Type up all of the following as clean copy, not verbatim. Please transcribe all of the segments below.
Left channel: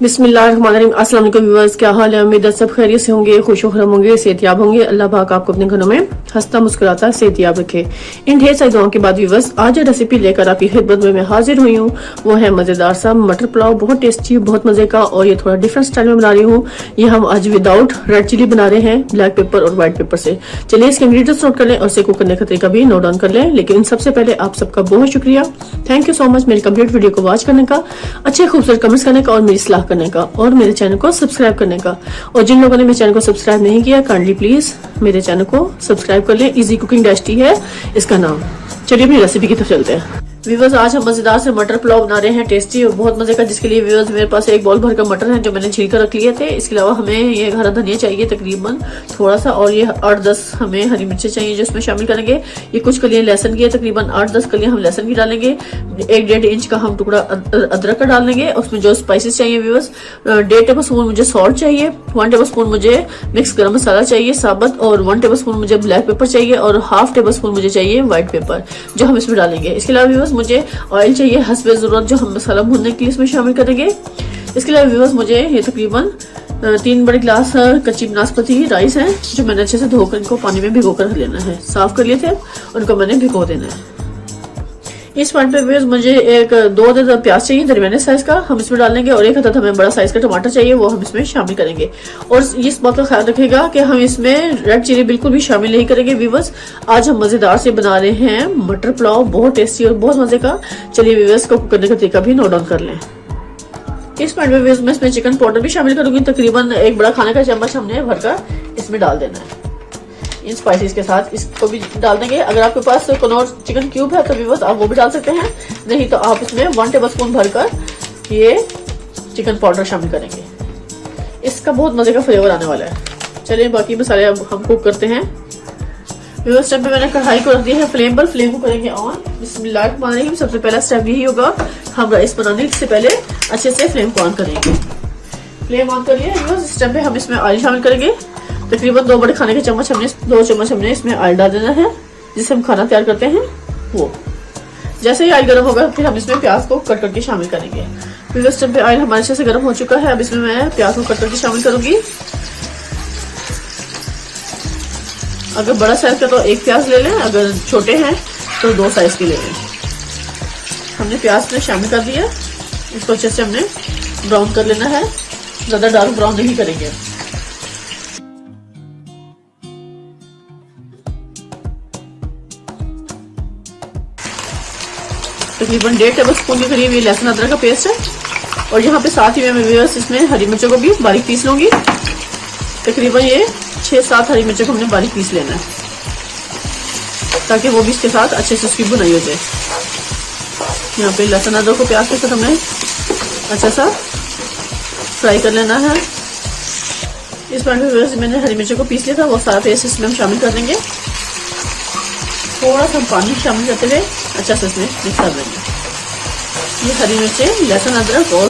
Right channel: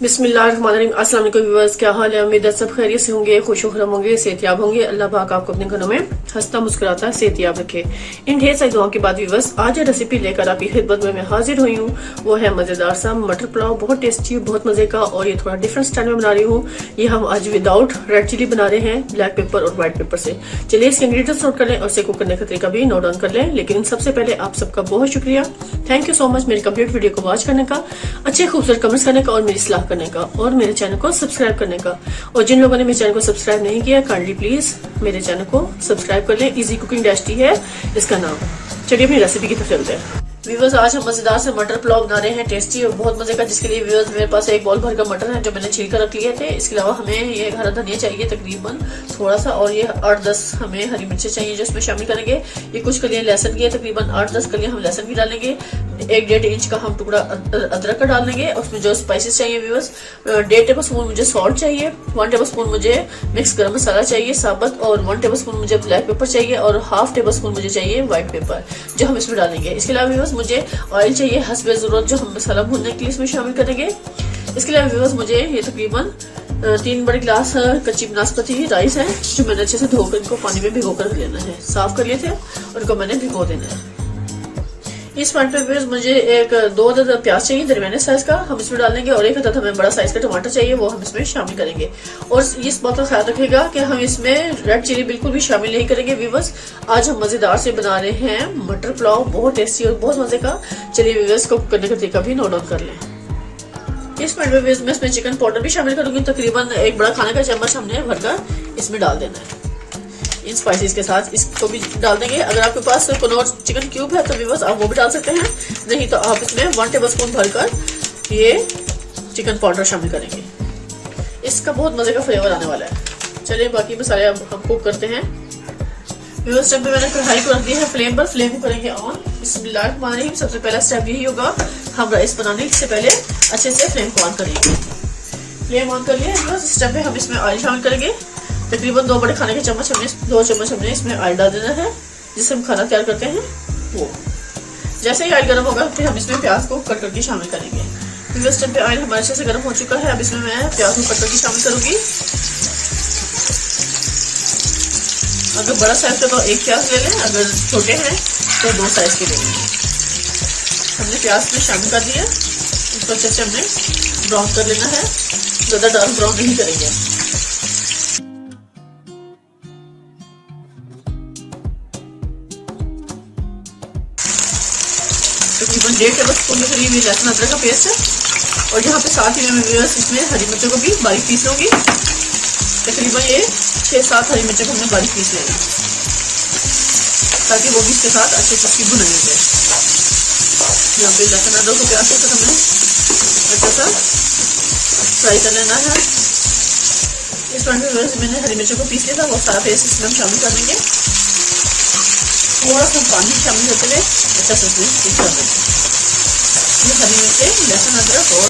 बिस्मिल्लाहिर्रहमानिर्रहीम। अस्सलाम वालेकुम व्यूअर्स, क्या हाल है? उम्मीद है सब खैरियत से होंगे, खुशखुराम होंगे, सेहतियाब होंगे। अल्लाह पाक आपको अपने घरों में हंसता मुस्कुराता सेहतियाब रखे। इन ढेर सारी दुआओं के बाद व्यूअर्स, आज जो रेसिपी लेकर आपकी खिदमत में मैं हाजिर हुई हूँ वो है मजेदार सा मटर पुलाव। बहुत टेस्टी, बहुत मजे का, और ये थोड़ा डिफरेंट स्टाइल में बना रही हूँ। ये हम आज विदाउट रेड चिली बना रहे हैं, ब्लैक पेपर और व्हाइट पेपर से। चलिए इसके इंग्रेडिएंट्स नोट कर लें और इसे कुक करने का तरीका भी नोट डाउन कर लें। लेकिन सबसे पहले आप सबका बहुत शुक्रिया, थैंक यू सो मच मेरी कंप्लीट वीडियो को वॉच करने का, अच्छे खूबसूरत कमेंट्स करने का और मेरी सलाह करने का, और मेरे चैनल को सब्सक्राइब करने का। और जिन लोगों ने मेरे चैनल को सब्सक्राइब नहीं किया, काइंडली प्लीज मेरे चैनल को सब्सक्राइब कर लें। इजी कुकिंग डैश है इसका नाम। चलिए अपनी रेसिपी की तरफ चलते हैं। व्यूअर्स, आज हम मजेदार से मटर पुलाव बना रहे हैं, टेस्टी और बहुत मजे का। जिसके लिए व्यूअर्स मेरे पास एक बॉल भरकर मटर है जो मैंने छील कर रख लिए थे। इसके अलावा हमें ये हरा धनिया चाहिए तकरीबन थोड़ा सा, और ये 8-10 हमें हरी मिर्चें चाहिए जो इसमें शामिल करेंगे। ये कुछ कलियां लहसुन की है, तकरीबन 8-10 कलियां हम लहसुन की डालेंगे। 1-1.5 इंच का हम टुकड़ा अदरक का डाल देंगे। उसमें जो स्पाइसेस चाहिए व्यूअर्स, 1.5 टेबल स्पून मुझे सॉल्ट चाहिए, 1 टेबल स्पून मुझे मिक्स गरम मसाला चाहिए साबुत, और 1 टेबल स्पून मुझे ब्लैक पेपर चाहिए, और 1/2 टेबल स्पून मुझे चाहिए व्हाइट पेपर जो हम इसमें डालेंगे। इसके अलावा व्यूअर्स मुझे ऑयल चाहिए हस्बे जरूरत जो हम मसाला भूनने के लिए इसमें शामिल करेंगे। इसके अलावा व्यूअर्स मुझे ये तकरीबन 3 बड़े गिलास कच्ची नाशपाती राइस है जो मैंने अच्छे से धोकर इनको पानी में भिगो कर लेना है। साफ कर लिए थे, उनको मैंने भिगो देना है। इस पॉइंट पे व्यूअर्स मुझे 2 अदद प्याज चाहिए दरमियाने साइज का, हम इसमें डालेंगे, और 1 अदद हमें बड़ा साइज का टमाटर चाहिए, वो हम इसमें शामिल करेंगे। और इस बात का ख्याल रखिएगा कि हम इसमें रेड चिली बिल्कुल भी शामिल नहीं करेंगे व्यूअर्स। आज हम मजेदार से बना रहे हैं मटर पुलाव, बहुत टेस्टी और बहुत मजे का। चलिए व्यूअर्स को कुक करने का तरीका भी नोट डाउन कर लें। इस पॉइंट पे व्यूअर्स मैं इसमें चिकन पाउडर भी शामिल करूंगी, तकरीबन 1 बड़ा खाने का चम्मच हमने भरकर इसमें डाल देना है। इन स्पाइसेस के साथ इसको भी डाल देंगे। अगर आपके पास कनौर चिकन क्यूब है तो व्यूअर्स आप वो भी डाल सकते हैं, नहीं तो आप इसमें 1 टेबल स्पून भरकर ये चिकन पाउडर शामिल करेंगे। इसका बहुत मजे का फ्लेवर आने वाला है। चलिए बाकी मसाले अब हम कुक करते हैं। व्यूअर्स, टाइम पे मैंने कढ़ाई को रख दिया है फ्लेम पर, फ्लेम को करेंगे ऑन। बिस्मिल्लाहिर्रहमानिर्रहीम। सबसे पहला स्टेप यही होगा, हम राइस बनाने से पहले अच्छे से फ्लेम को ऑन करेंगे। फ्लेम ऑन कर लिया व्यूअर्स। इस टाइम पे हम इसमें ऑयल शामिल करेंगे, तकरीबन 2 बड़े खाने के चम्मच हमने 2 चम्मच हमने इसमें ऑयल डाल देना है, जिससे हम खाना तैयार करते हैं वो। जैसे ही ऑयल गर्म होगा फिर हम इसमें प्याज को कट करके शामिल करेंगे। फिर इस टाइम पे ऑयल हमारे अच्छे से गर्म हो चुका है, अब इसमें मैं प्याज को कट करके शामिल करूंगी। अगर बड़ा साइज का तो 1 प्याज ले लें, अगर छोटे हैं तो 2 साइज के ले लें। हमने प्याज में शामिल कर दिया, इसको अच्छे से हमने ब्राउन कर लेना है, ज्यादा डार्क ब्राउन नहीं करेंगे। तकरीबन 1.5 टेबल स्पून के करीब ये लहसुन अदरक का पेस्ट है, और यहाँ पे साथ ही मैं व्यूअर्स इसमें हरी मिर्चों को भी बारीक पीस लूंगी। तकरीबन ये 6-7 हरी मिर्चों को हमने बारीक पीस लेना है, ताकि वो भी इसके साथ अच्छे से उसकी भुनाई हो जाए। यहाँ पे लहसुन अदरक को प्याज को हमने अच्छा सा फ्राई कर लेना है। इस टाइम में मैंने हरी मिर्चों को पीस लिया था, वो सारा पेस्ट इसमें हम शामिल कर देंगे। थोड़ा सा पानी शामिल करते हुए अच्छा से इसमें मिक्स कर देंगे। ये हरी मिर्चें, लहसुन अदरक और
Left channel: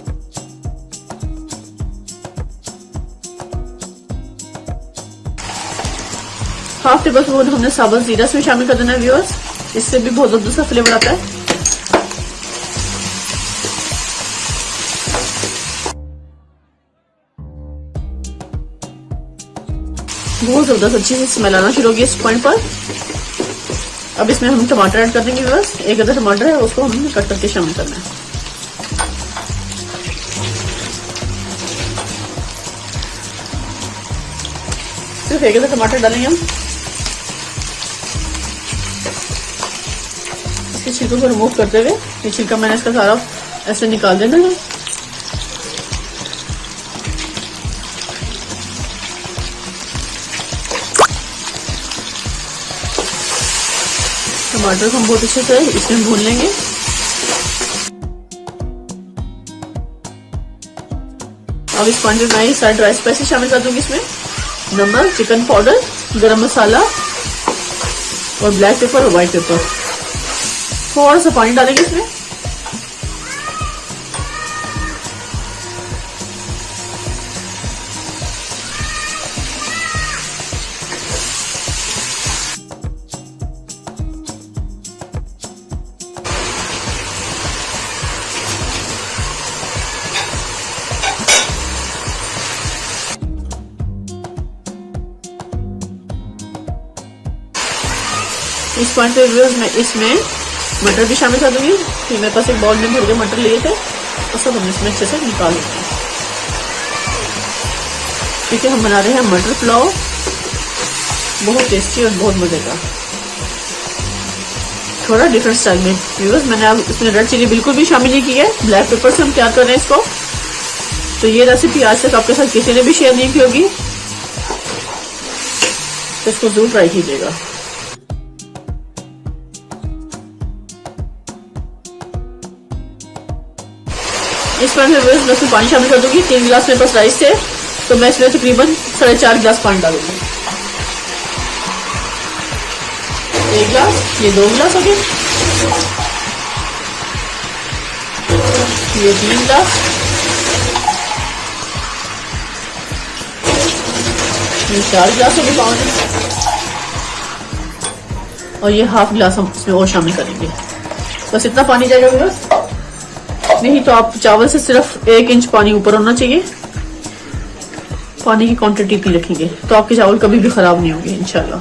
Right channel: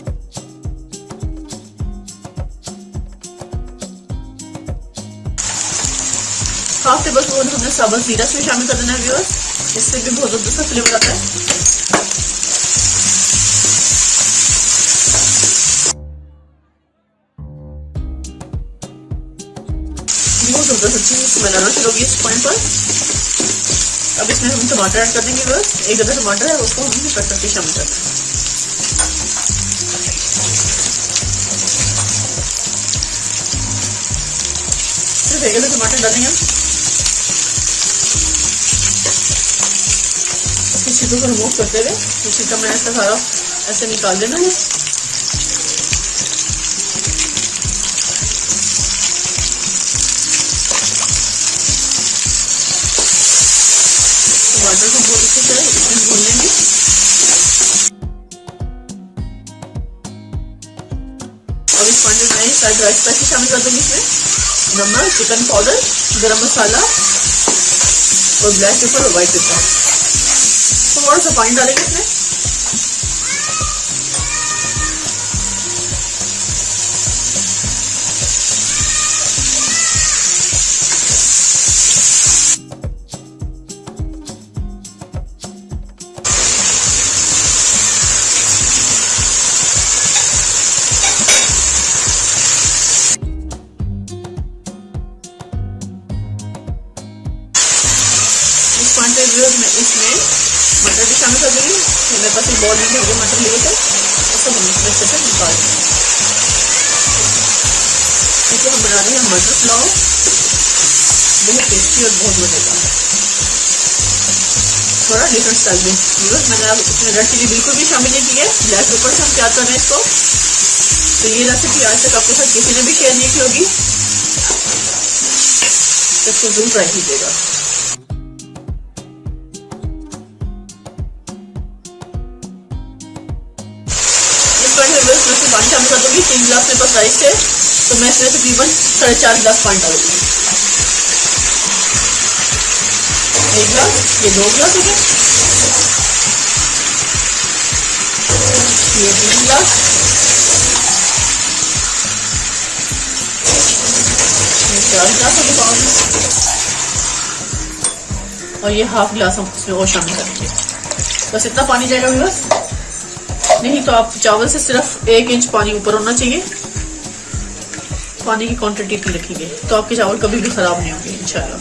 हाफ टेबल स्पून हमने साबुत जीरा इसमें शामिल कर देना है व्यूअर्स, इससे भी बहुत जल्दी सा फ्लेवर आता है। बहुत जबरदस्त अच्छी सी स्मेल आना शुरू होगी इस पॉइंट पर। अब इसमें हम टमाटर ऐड कर देंगे व्यूअर्स। 1 अदद टमाटर है, उसको हमने कट करके शामिल करना है। सिर्फ 1 अदद टमाटर डालेंगे हम। इसके छिलकों को रिमूव करते हुए ये छिलका मैंने इसका सारा ऐसे निकाल देना है। टमाटर को बहुत अच्छे से इसमें भून लेंगे। अब इस पॉइंट में मैं सारे ड्राई स्पाइसेस शामिल कर दूंगी इसमें, नमक, चिकन पाउडर, गरम मसाला और ब्लैक पेपर और व्हाइट पेपर। थोड़ा सा पानी डालेंगे इसमें। पॉइंट पे व्यूअर्स मैं इसमें मटर भी शामिल कर दूंगी। तो मेरे पास एक बाउल में भर के मटर लिए थे, उसको हम इसमें अच्छे से निकाल लेंगे। ठीक है, हम बना रहे हैं मटर पुलाव, बहुत टेस्टी और बहुत मजे का, थोड़ा डिफरेंट स्टाइल में। व्यूअर्स मैंने अब इसमें रेड चिली बिल्कुल भी शामिल नहीं की है, ब्लैक पेपर से हम तैयार कर रहे हैं इसको। तो ये रेसिपी आज तक आपके साथ किसी ने भी शेयर नहीं की होगी, तो इसको जरूर ट्राई कीजिएगा। इस पर मैं रोज पानी शामिल कर दूंगी। 3 गिलास मेरे पास राइस है, तो मैं इसमें तकरीबन 4.5 गिलास पानी डालूंगी। 1 गिलास, ये 2 गिलास हो गए, ये 3 गिलास, ये 4 गिलास हो गए पानी, और ये हाफ गिलास हम इसमें और शामिल करेंगे। बस इतना पानी जाएगा बस, नहीं तो आप चावल से सिर्फ 1 इंच पानी ऊपर होना चाहिए। पानी की क्वांटिटी इतनी रखेंगे तो आपके चावल कभी भी खराब नहीं होंगे इंशाल्लाह।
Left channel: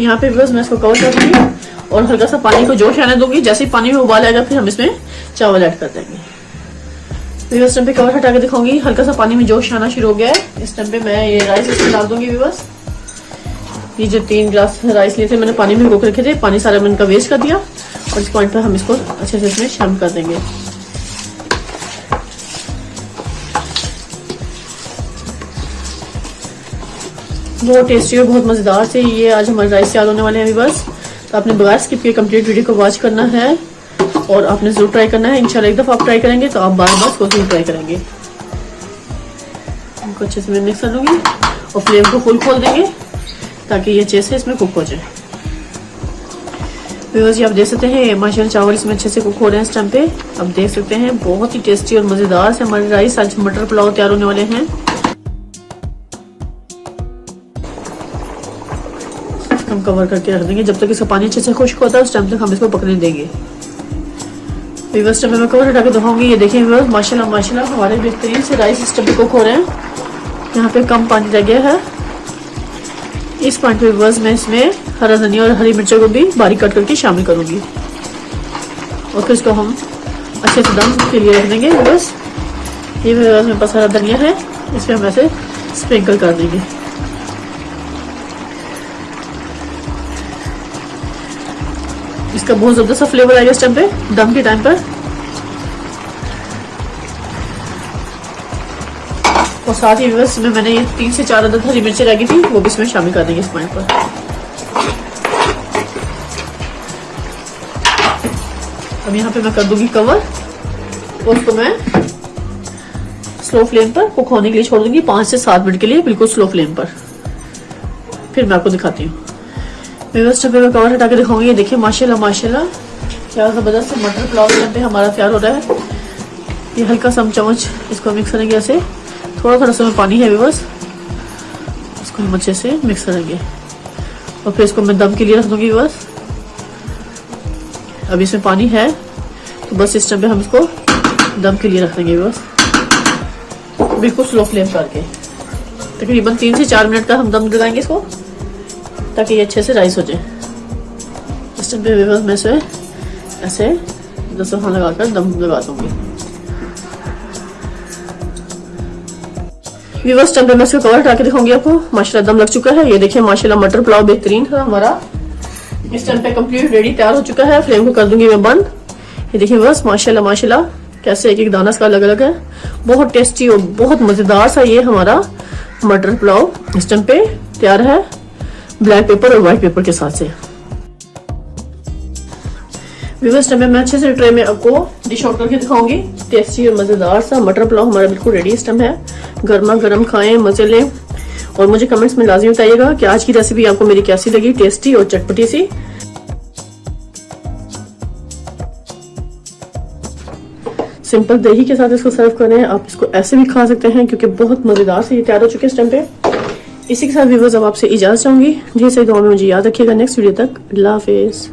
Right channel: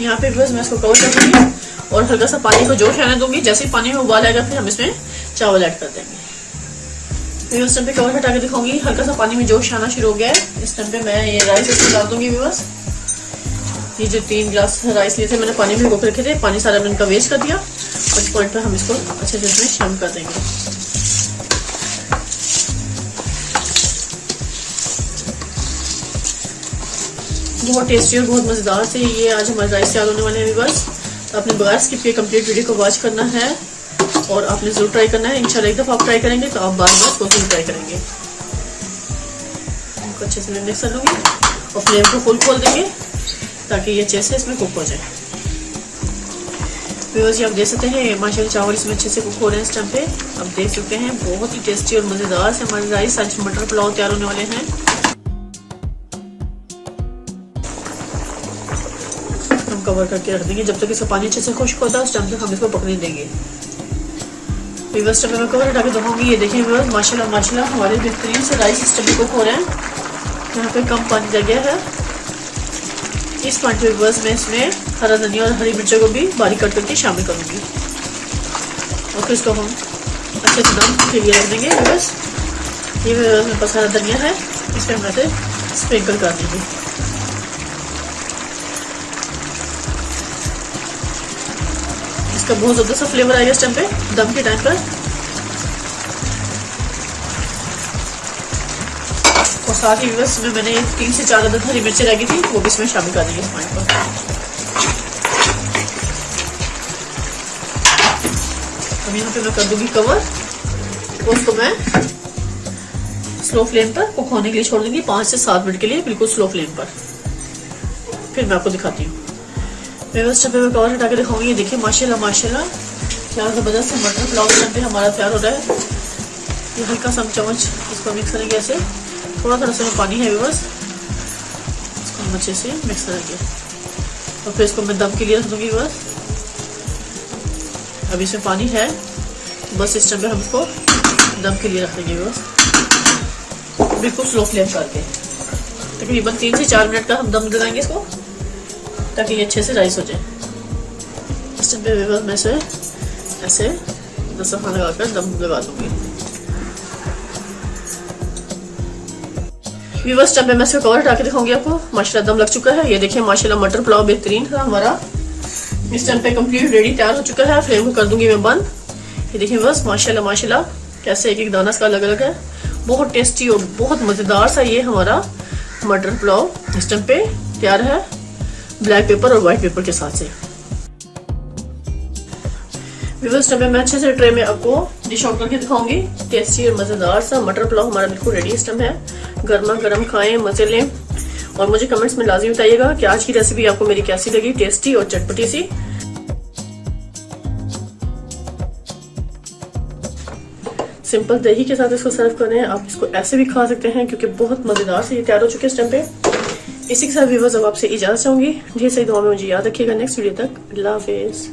यहाँ पे बस मैं इसको कवर कर दूंगी और हल्का सा पानी को जोश आने दूंगी। जैसे ही पानी में उबाल आएगा फिर हम इसमें चावल ऐड कर देंगे। फिर उस टाइम पे कवर हटा के दिखाऊंगी, हल्का सा पानी में जोश आना शुरू हो गया है। इस टाइम पे मैं ये राइस इसमें डाल दूंगी। बस ये जो 3 गिलास राइस लिए थे मैंने पानी में भिगो रखे थे, पानी सारा मैंने इनका वेस्ट कर दिया। और इस पॉइंट पर हम इसको अच्छे से इसमें शामिल कर देंगे। बहुत टेस्टी और बहुत मजेदार से ये आज हमारे राइस तैयार होने वाले हैं। बस तो आपने बगैर स्किप किए कंप्लीट वीडियो को वॉच करना है और आपने जरूर ट्राई करना है। इंशाल्लाह एक दफा आप ट्राई करेंगे तो आप बार बार इसको जरूर ट्राई करेंगे। इनको अच्छे से मिक्स कर लूंगी और फ्लेम को फुल खोल देंगे ताकि ये अच्छे से इसमें कुक हो जाए। व्यूअर्स आप देख सकते हैं माशाल्लाह चावल इसमें अच्छे से कुक हो रहे हैं। इस टाइम पे आप देख सकते हैं बहुत ही टेस्टी और मजेदार से हमारे राइस आज मटर पुलाव तैयार होने वाले हैं। हम कवर करके रख देंगे जब तक इसका पानी अच्छे से खुश्क होता है, उस टाइम तक हम इसको पकने देंगे। व्यूअर्स मैं कवर हटा के दिखाऊंगी। ये देखिए व्यूअर्स माशाल्लाह माशाल्लाह हमारे बेहतरीन से राइस इस टाइम पे कुक हो रहे हैं। यहाँ पे कम पानी रह गया है। इस पॉइंट पे बस मैं इसमें हरा धनिया और हरी मिर्चों को भी बारीक कट करके शामिल करूंगी और फिर इसको हम अच्छे से दम के लिए रख देंगे। बस ये मेरे पास हरा धनिया है, इसमें हम ऐसे स्प्रिंकल कर देंगे। इसका बहुत ज्यादा सा फ्लेवर आएगा इस टाइम पे दम के टाइम पर। और साथ ही बस में मैंने ये 3 से 4 अदद हरी मिर्ची लगी थी, वो भी इसमें शामिल कर देंगे इस पॉइंट पर। अब यहाँ पे मैं कर दूंगी कवर और उसको मैं स्लो फ्लेम पर कुक होने के लिए छोड़ दूंगी 5 से 7 मिनट के लिए, बिल्कुल स्लो फ्लेम पर। फिर मैं आपको दिखाती हूँ। बस मैं कवर हटा के दिखाऊंगी। देखिए माशाल्लाह माशाल्लाह क्या जबरदस्त मटर पुलाव पे हमारा तैयार हो रहा है। ये हल्का सा चम्मच इसको मिक्स करेंगे, ऐसे थोड़ा थोड़ा सा पानी है बस, इसको हम अच्छे से मिक्स करेंगे और फिर इसको मैं दम के लिए रख दूंगी। बस अब इसमें पानी है तो बस इस टाइम पे हम इसको दम के लिए रख देंगे। बस बिल्कुल स्लो फ्लेम करके तकरीबन 3 से 4 मिनट का हम दम लगाएंगे इसको ताकि ये अच्छे से राइस हो जाए। इस टाइम पे बस मैं इसे ऐसे दस्तरखान लगाकर दम लगा दूंगी। व्यूअर्स टाइम पे मैं इसको कवर हटा के दिखाऊंगी आपको। माशाल्लाह दम लग चुका है। ये देखिए माशाल्लाह मटर पुलाव बेहतरीन है हमारा। इस टाइम पे कंप्लीट रेडी तैयार हो चुका है। फ्लेम को कर दूंगी मैं बंद। ये देखिए बस माशाल्लाह माशाल्लाह कैसे एक एक दाना इसका अलग अलग है। बहुत टेस्टी और बहुत मजेदार सा ये हमारा मटर पुलाव इस टाइम पे तैयार है ब्लैक पेपर और व्हाइट पेपर के साथ से। व्यूअर्स टाइम पे मैं अच्छे से ट्रे में आपको डिश आउट करके दिखाऊंगी। टेस्टी और मजेदार सा मटर पुलाव हमारा बिल्कुल रेडी इस टाइम है। गर्मा गर्म खाएं, मजे लें और मुझे कमेंट्स में लाजमी बताइएगा कि आज की रेसिपी आपको मेरी कैसी लगी, टेस्टी और चटपटी सी। सिंपल दही के साथ इसको सर्व करें। आप इसको ऐसे भी खा सकते हैं क्योंकि बहुत मजेदार से ये तैयार हो चुके हैं इस टाइम पे। इसी के साथ व्यूअर्स अब आपसे इजाजत चाहूंगी। ढेर सारी दुआ में मुझे याद रखिएगा। नेक्स्ट वीडियो तक अल्लाह हाफिज।